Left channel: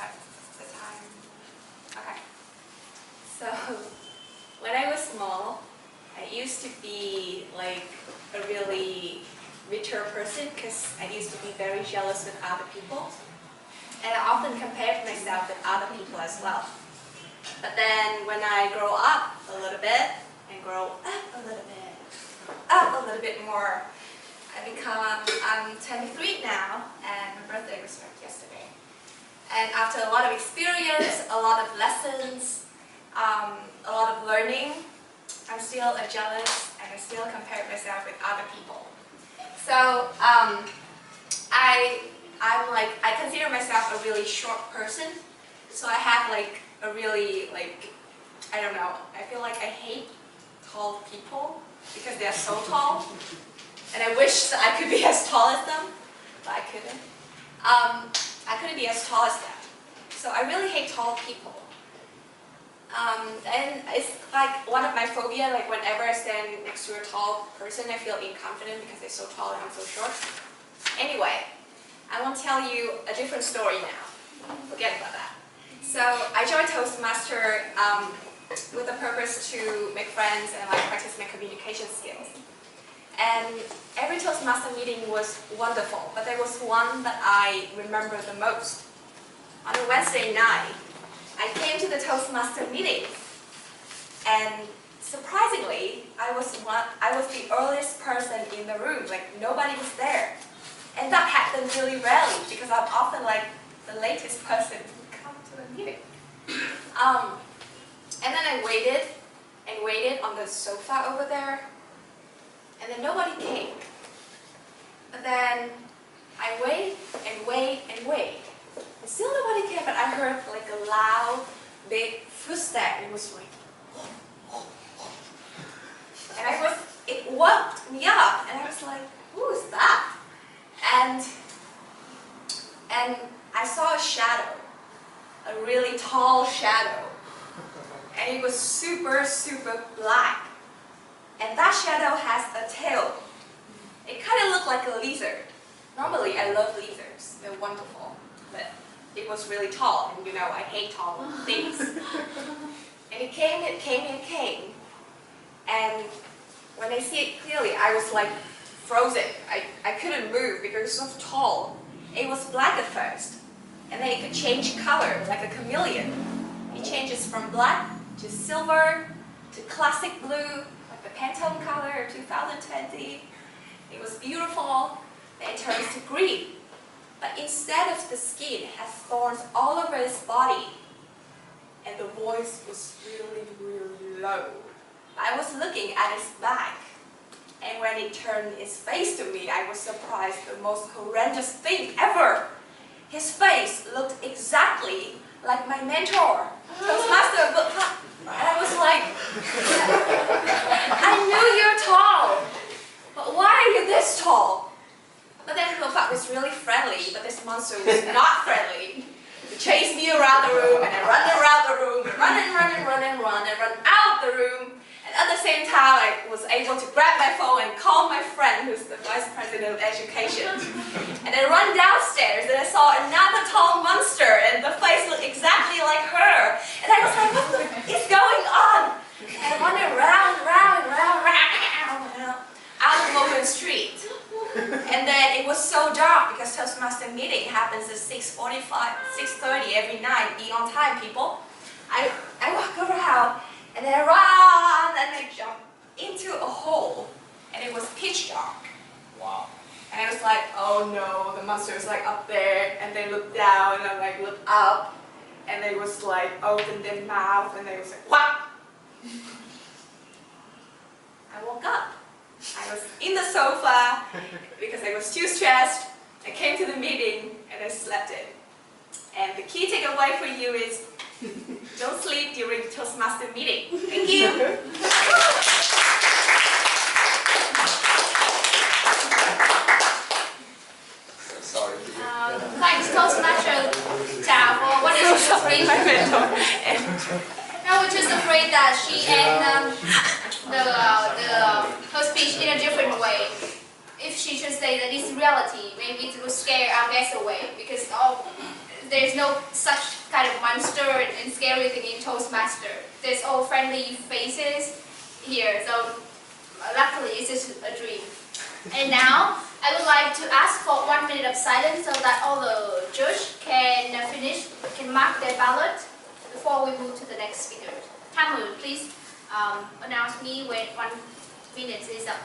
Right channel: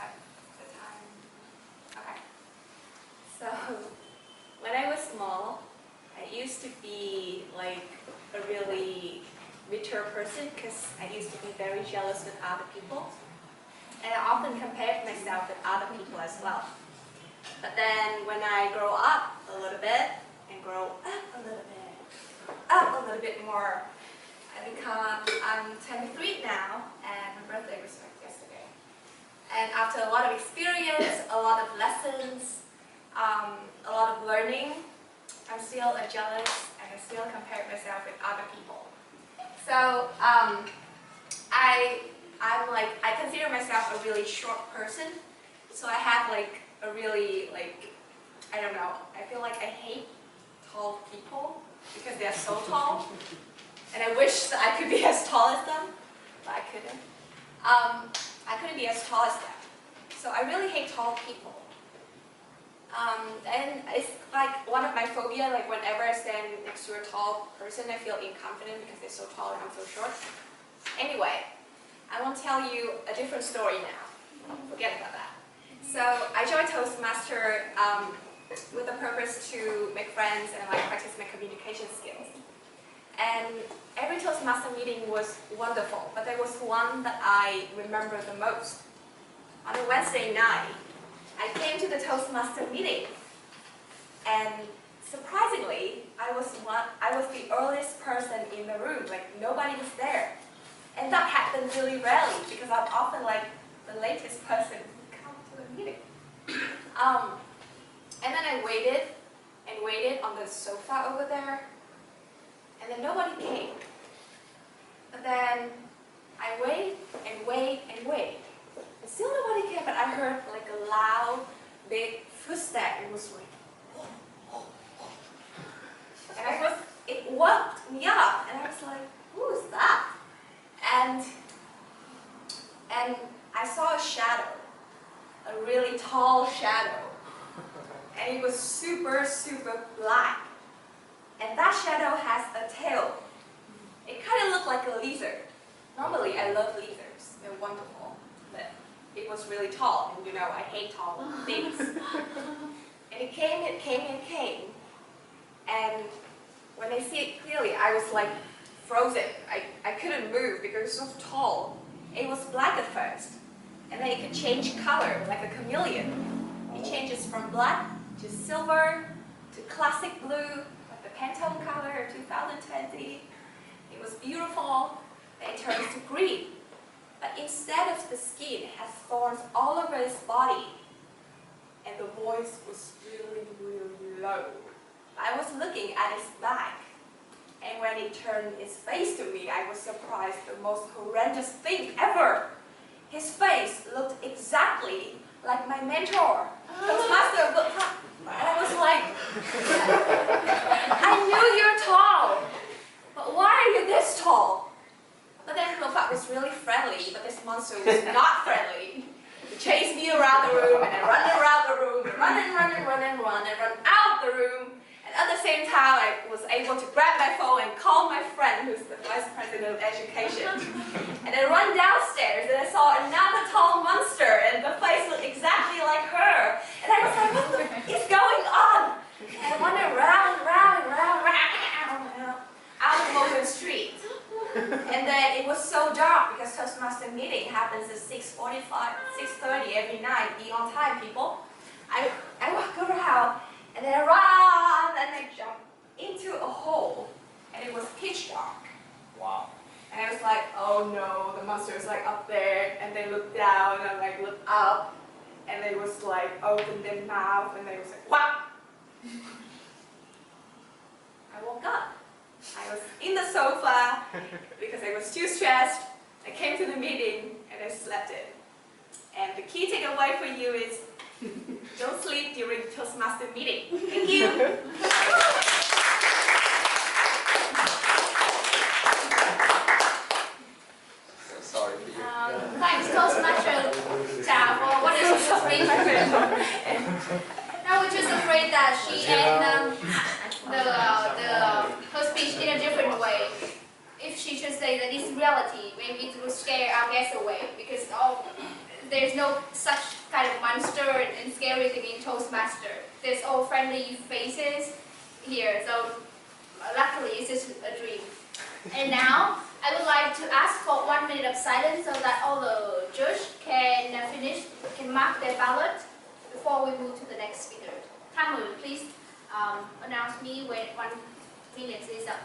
that the time? Okay. So when I was small, I used to be like a really richer person because I used to be very jealous with other people. And I often compared myself with other people as well. But then when I grow up a little bit, and grow up a little bit more, I'm 23 now, and my birthday was like yesterday. And after a lot of experience, a lot of lessons, a lot of learning, I'm still jealous, and I still compare myself with other people. So I consider myself a really short person. So I have like a really I don't know. I feel like I hate tall people because they are so tall, and I wish that I could be as tall as them, but I couldn't. I couldn't be as tall as them. So I really hate tall people. And it's like one of my phobia, like whenever I stand next to a tall person, I feel inconfident because they're so tall and I'm so short. Anyway, I want to tell you a different story now. Forget about that. So I joined Toastmaster with the purpose to make friends and like practice my communication skills. And every Toastmaster meeting was wonderful, but there was one that I remember the most. On a Wednesday night, I came to the Toastmaster meeting, and surprisingly, I was the earliest person in the room. Like nobody was there, and that happened really rarely because I'm often like the latest person to come to the meeting. And then I waited and waited on the sofa over there, and then nobody came. But then I wait and wait and wait. And still nobody came, but I heard like a loud, big footstep. It was like, whoa, whoa, whoa. And it woke me up, and I was like, who is that? And I saw a shadow, a really tall shadow, and it was super, super black. And that shadow has a tail. It kind of looked like a lizard. Normally, I love lizards. They're wonderful. But it was really tall, and you know, I hate tall things. And it came. And when I see it clearly, I was like frozen. I couldn't move because it was so tall. It was black at first, and then it could change color like a chameleon. It changes from black to silver to classic blue, like the Pantone color 2020. It was beautiful. Then it turns to green. But instead of the skin, it has thorns all over its body. And the voice was really, really low. I was looking at its back. And when it turned its face to me, I was surprised, the most horrendous thing ever. His face looked exactly like my mentor, Toastmaster Tra Pham. And I was like, I knew you're tall, but why are you this tall? But then Tra Pham was really friendly, but this monster was not friendly. He chased me around the room, and I run around the room, and run out the room. And at the same time, I was able to grab my phone and call my friend, who's the Vice President of Education. And I run downstairs, and I saw another tall monster, and the face looked exactly like her. And I was like, what is going on? And I went around, out of Logan Street. And then it was so dark because Toastmaster meeting happens at 6:45, 6:30 every night. Be on time, people. I walk around, and then I run, and I jump into a hole, and it was pitch dark. Wow. And I was like, oh no, the monster was like up there, and they looked down, and I like looked up, and they was like opened their mouth, and they was like, what? I woke up. I was in the sofa because I was too stressed. I came to the meeting and I slept in. And the key takeaway for you is don't sleep during Toastmaster meeting. Thank you. Sorry. Thanks, Toastmaster Tra, for what is she afraid? I was just afraid that she ended her speech in a different way. If she should say that it's reality, maybe it will scare our guests away because there's no such kind of monster and scary thing in Toastmaster. There's all friendly faces here, so luckily it's just a dream. And now, I would like to ask for 1 minute of silence so that all the judges can mark their ballot before we move to the next speaker. Tham, please announce me when 1 minute is up.